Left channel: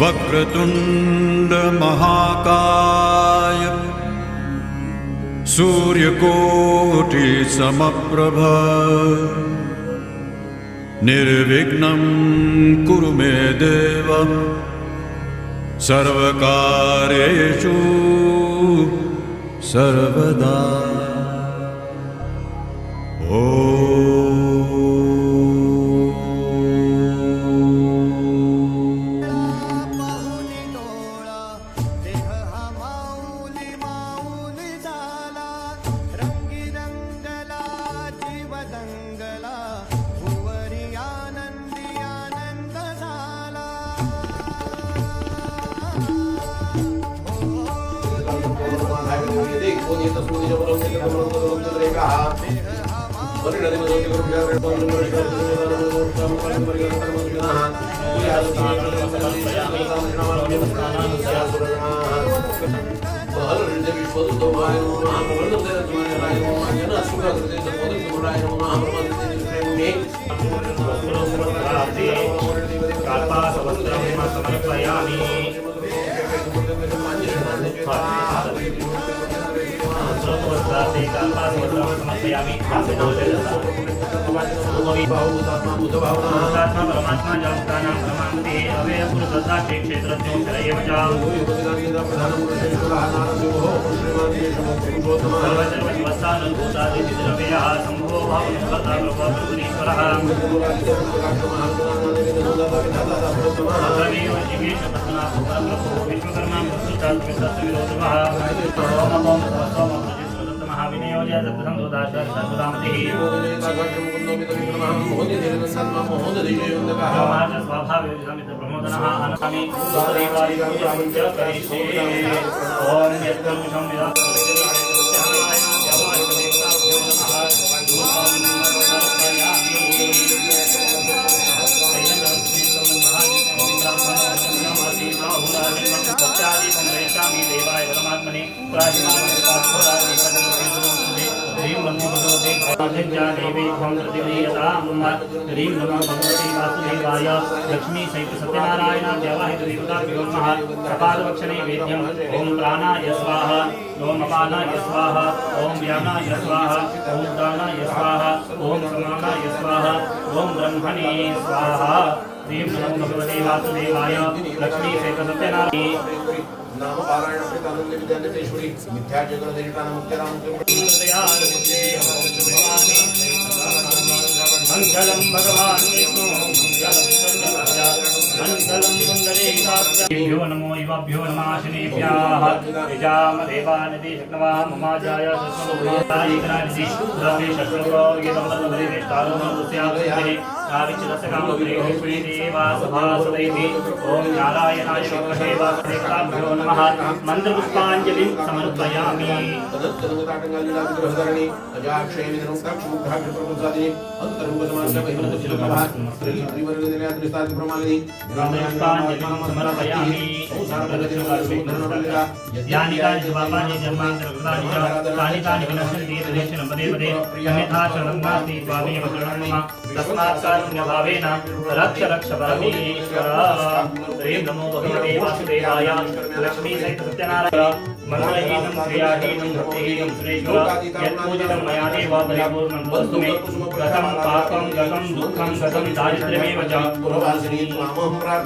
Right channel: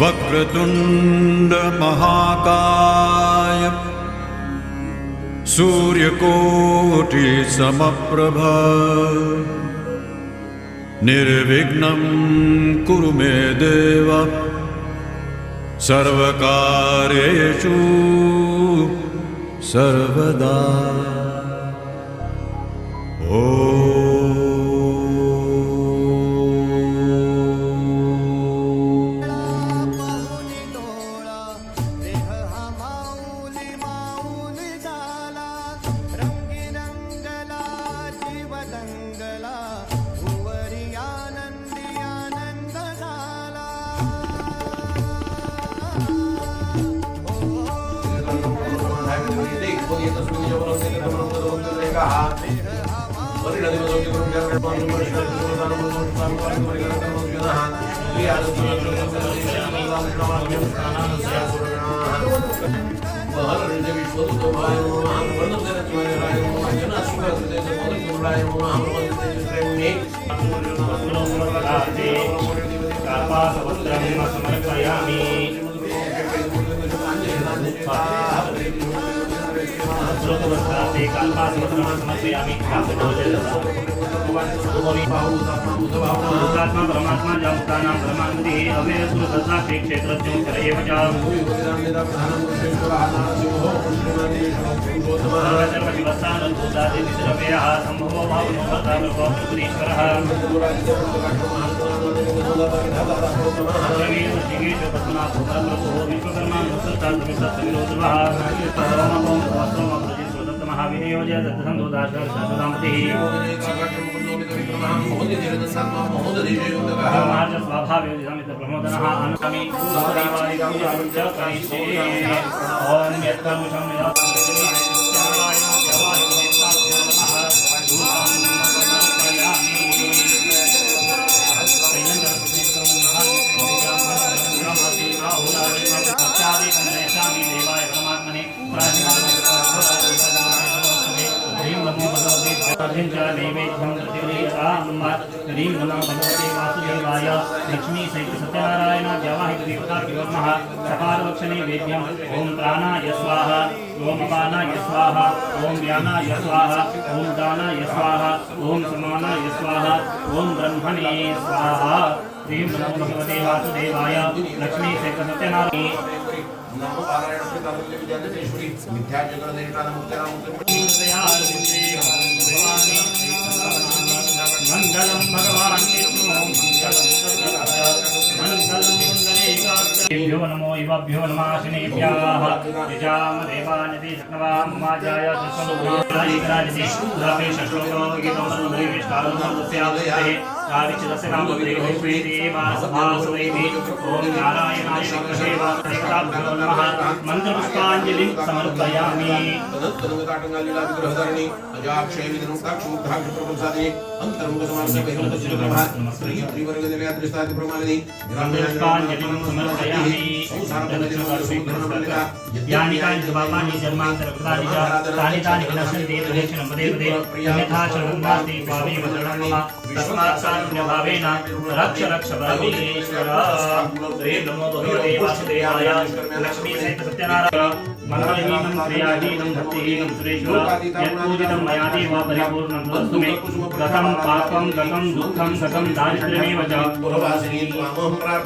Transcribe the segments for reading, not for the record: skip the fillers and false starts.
वक्रतुंड महाकाय सूर्यकोटि समप्रभ निर्विघ्नं कुरु मे देव सर्वकार्येषु सर्वदा। लक्ष्मी सहित सत्यनारायण देवाहित कपालवक्षणे वेद्यम ओम प्राणाय स्वाहा ओम अपानाय स्वाहा ओम व्यानाय स्वाहा ओम दानाय स्वाहा ओम समानाय स्वाहा ओम ब्रह्मणे स्वाहा। श्री नमो भगवते वासुदेवाय लक्ष्मी सहित सत्यनारायण मंगलम भगवान विष्णु मंगलम सुंदरेभ्यो नमो इवाभ्यो नमः शनेभ्यः विजाम देवानिधि शक्नवा ममाजाय सस्वभूतायिकराजिति द्रवे शश्वरो गीतमसुन्दरे विष्टारुणमुस्यागते आविचितस्य कामदेहो श्रीदेवा सभासदेवी ओम नारायणाय विद्महे वासुदेवाभ्यो नमः मंत्रपुष्पाञ्जलिं समर्पयामि। रक्ष रक्ष परमेश्वर। नमो भगवते वासुदेवाय लक्ष्मी सहित सत्यनारायण मंगलहीनं क्रियाहीनं भक्तिहीनं सुरेश्वर यत्पूजितं मया देव परिपूर्णं वस्तु मे कथं पापं गतं दुःखं गतं दारिद्र्यमेव च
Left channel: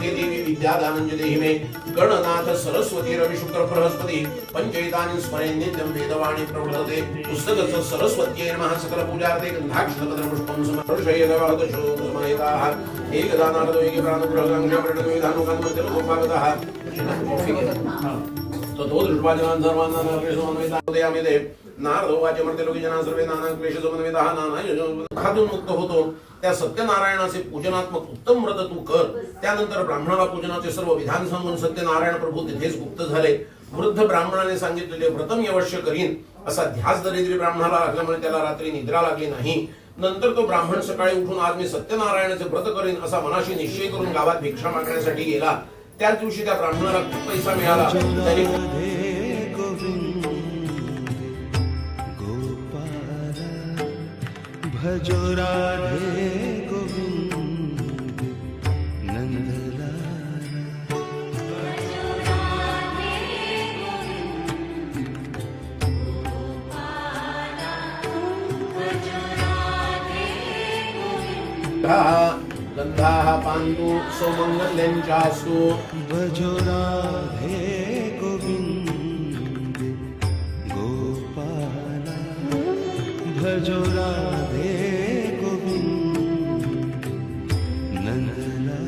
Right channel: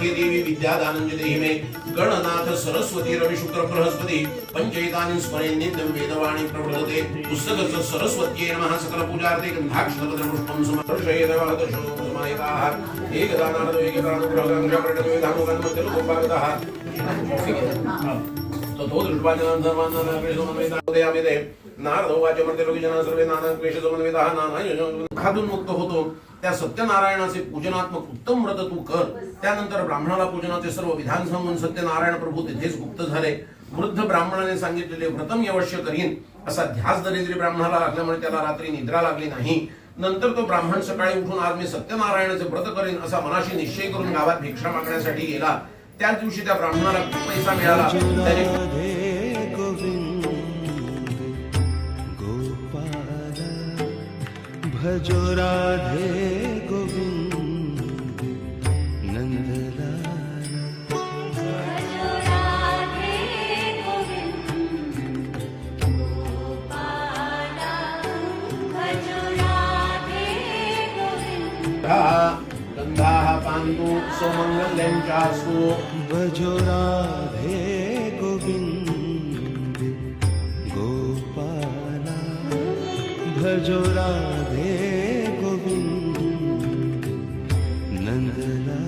देवी विद्यादानं देहि मे गणनाथ सरस्वती रवि शुक्र बृहस्पति पंचैतानि स्मरेन्नित्यं वेदवाणी प्रवर्तते पुस्तकस्य सरस्वत्यै नमः सकल पूजार्थे गन्धाक्षतपत्रं पुष्पं समर्पयामि। समायिताः एकदानार्थ एकदानुग्रहं जपरदविधानुगं तिरुपपादः ततो दृष्टवाचनां सर्वान् नामकृष्णमन्वितादयामि ते नारदो वाच्यमर्त्य लोकजना सर्वे नाना क्लेशसमन्विताः नाना दुःखातून मुक्त होतो। त्या सत्यनारायणाचे पूजनात्मक उत्तम व्रत तू कर। त्यानंतर ब्राह्मणाला पूजनाचे सर्व विधान सांगून सत्यनारायण प्रभू तिथेच गुप्त झाले। वृद्ध ब्राह्मणाने सांगितलेले व्रत मी अवश्य करीन असा ध्यास दरिद्री ब्राह्मणाला लागल्यामुळे त्याला रात्री निद्रा लागली नाही। नंतर तो ब्राह्मण सकाळी उठून आज मी सत्यनारायणाचे व्रत करीन असा मनाशी निश्चय करून गावात भिक्षा मागण्यासाठी गेला। त्याच दिवशी त्या ब्राह्मणाला खूप पैसा मिळाला। भजो राधे गोविंद नंदलाला। शतमानन्तु सुमङ्गल्यञ्चास्तु भजो राधे गोविन्द गोपाला भजो राधे गोविन्द नन्दलाला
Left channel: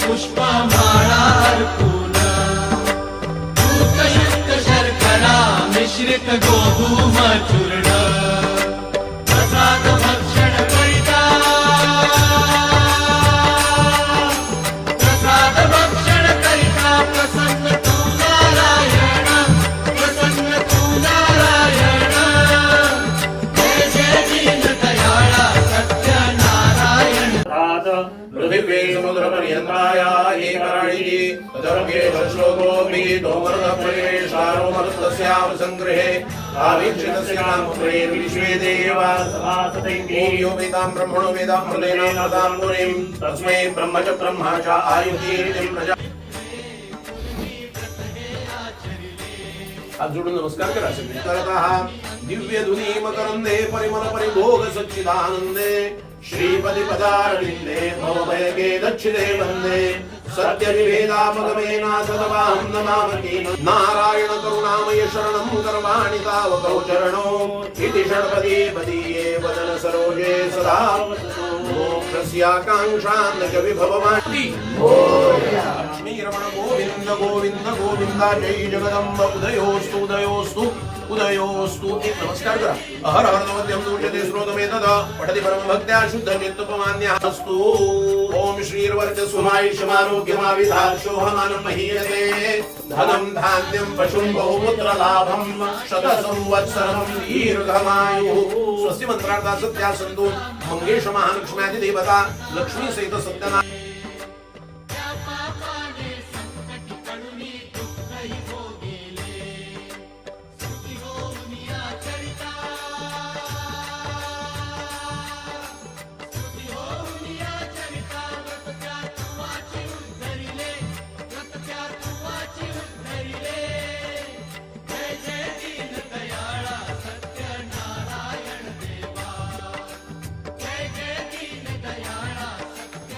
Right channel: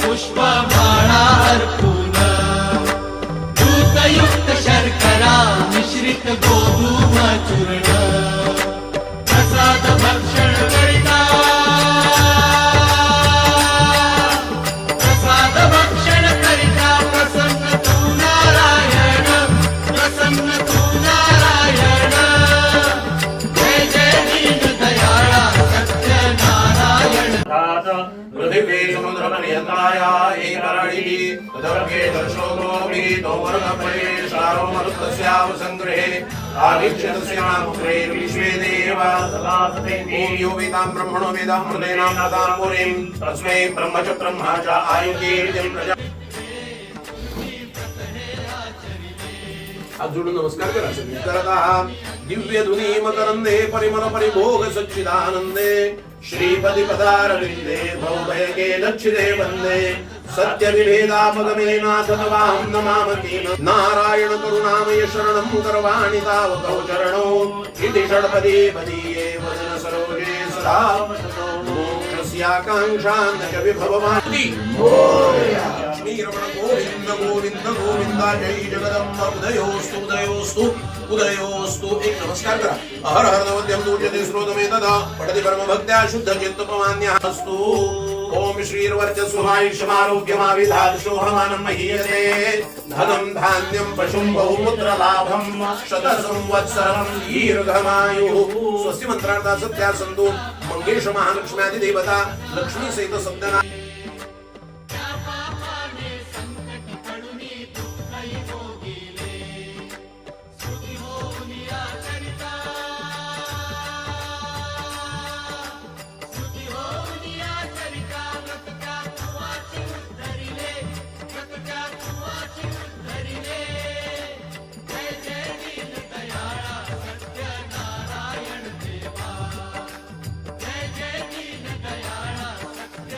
पुष्पमाळा अर्पून दूतयुक्त शर्करा मिश्रित गोधूम चूर्ण प्रसाद भक्षण करिता प्रसाद भक्षण करिता प्रसन्न तू नारायण प्रसन्न तू नारायण जय जय दीन दयाळा सत्य नारायण पृथिवी समुद्रपर्यन्ताया एकारिणी तदर्भे दर्शोगोपि तोमर्गफलेशारोमर्तस्यावसङ्ग्रहे आदिक्षतस्यामुत्रे विश्वे देवा यो वेदां ब्रह्मणो वेदां मृदेनां नदां मुनिं तस्मै ब्रह्म च ब्रह्मा च आयुकीर्तिं प्रजा आप जोडून नमस्कार करा सगळी करत आहात दिव्य धुनी मकरंदे परिमल परिभोग सच्चिदानंदे श्रीपदी पदारविंदे भवभयके लक्षिते वंदे सत्य विभेदापगमे नाथतवाहं नमामि नारायण करुणामय शरणं करवाणि तावकौ चरणो इति षड्पदी पदीये वदन सरोजे सदा मोक्षस्याकाङ्क्षां न च विभवमाति लक्ष्मी रमण गोविंद गोविंद गोविंद जय जगदम्ब उदयोस्तु उदयोस्तु उदयोस्तु एक नमस्कार करा हर हर नवद्यं दूर्यते श्रोतमे तदा पठति परम भक्त्या शुद्ध चित्तपमान्यस्तु ओम श्रीर्वर्चस्वायुष्यमारोग्यमाविधाशोहमानं महीयते धनं धान्यं पशुं बहुमुत्र लाभं शतसंवत्सरं दीर्घमायुः स्वस्ति मंत्रार्था सत्या संतो मंगेश महालक्ष्म्यादि देवता लक्ष्मी सहित सत्यनारायण जय जय दीन दयाळा सत्य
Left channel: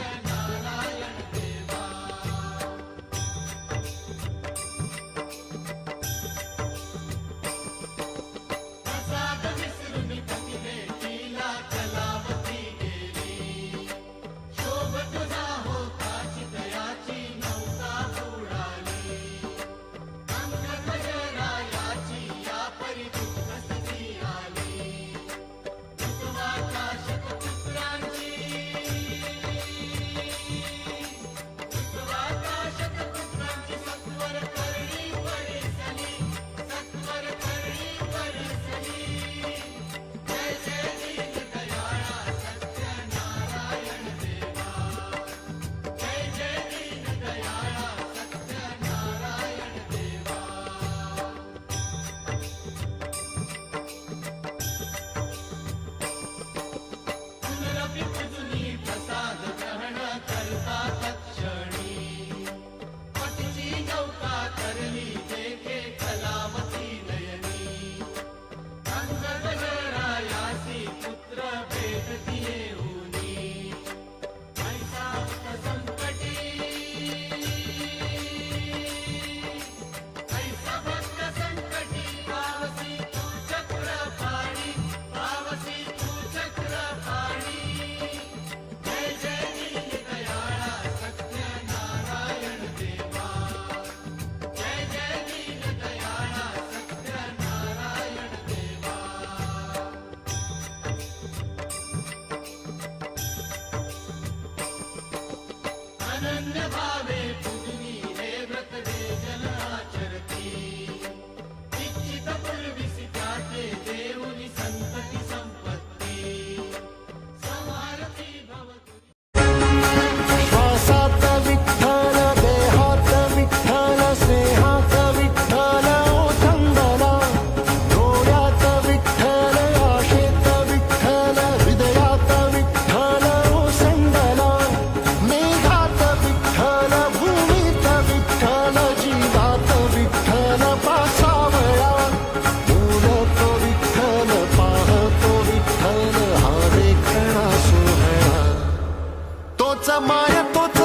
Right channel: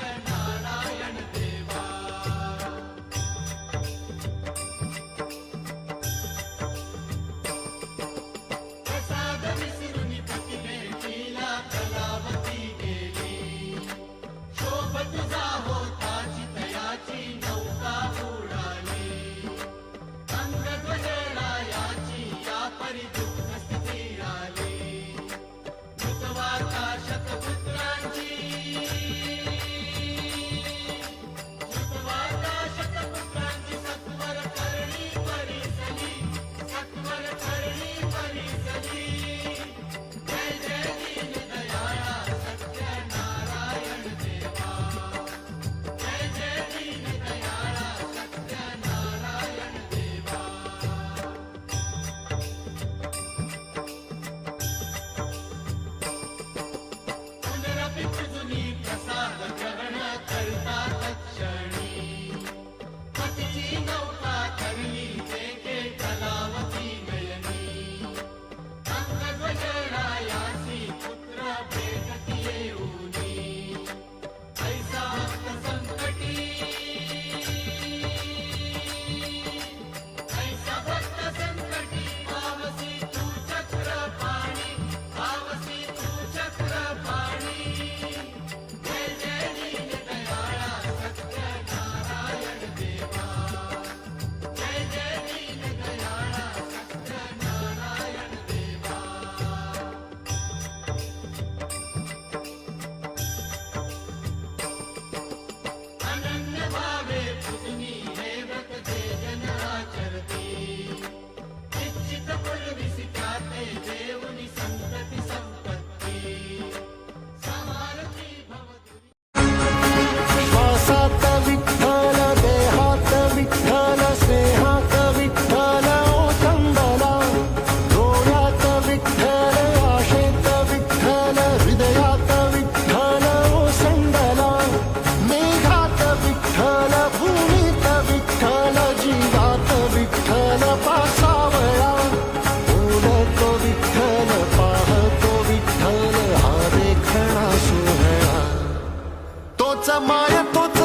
विठ्ठल भूमीत विठ्ठल जीवात विठ्ठल पासावळा बोलतो विठ्ठल पाहतो विठ्ठल हा देखणा सोहळा तोच माय तोच